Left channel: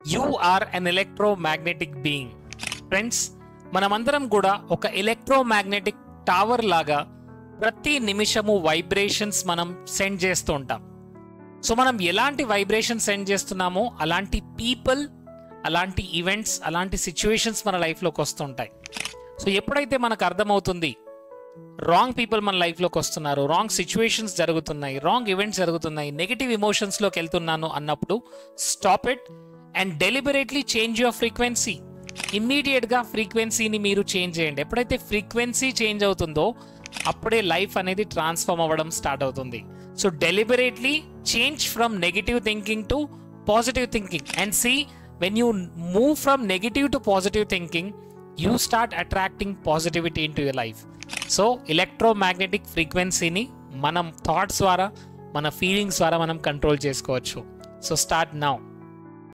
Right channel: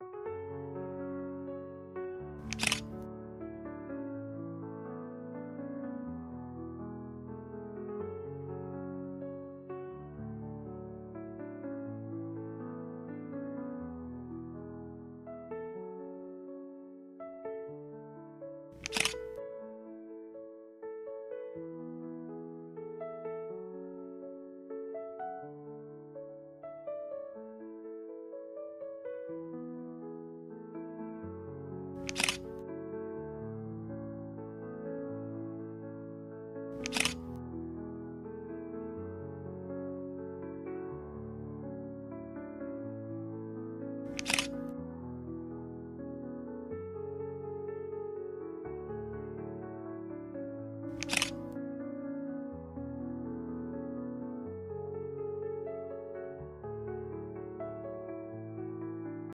You are an electromagnetic being. Friends, మనమందరం కూడా ఒక ఎలక్ట్రోమాగ్నెటిక్ టవర్ లాగా ప్రతి నిమిషము వైబ్రేషన్స్ మనం సెండ్ చేస్తూ ఉంటాం. సో మనం ఎలాంటి వైబ్రేషన్ సెండ్ చేస్తున్నామో అలాంటి పీపుల్, అలాంటి ఈవెంట్స్, అలాంటి సిచ్యువేషన్స్ మన లైఫ్లోకి వస్తుంటాయి. సో ఎప్పుడైతే మనకు అర్థమవుతుంది రాంగ్ పీపుల్ మన లైఫ్లోకి వస్తున్నారు, రాంగ్ సిచ్యువేషన్స్ జరుగుతున్నాయి, రాంగ్ ఈవెంట్స్ జరుగుతున్నాయి, నెగిటివ్ ఎమోషన్స్లోకి వెళ్తున్నాను అన్నప్పుడు stop it and deliberately change your frequency. ఇమ్మీడియట్గా ఫ్రీక్వెన్సీని మీరు చేంజ్ చేయండి. ఎప్పుడైతే ఫ్రీక్వెన్సీ చేంజ్ అవుతుందో అప్పుడే లైఫ్ అనేది ట్రాన్స్ఫార్మ్ అవ్వడం స్టార్ట్ అవుతుంది. So deliberately change from negative thinking to positive thinking and see when you move from negative to positive thinking you start attracting positivity into your life. So electromagnetic ఫ్రీక్వెన్సీని మనం thoughts ద్వారా, మన feelings ద్వారా మనం control చేసుకోవచ్చు. So start now.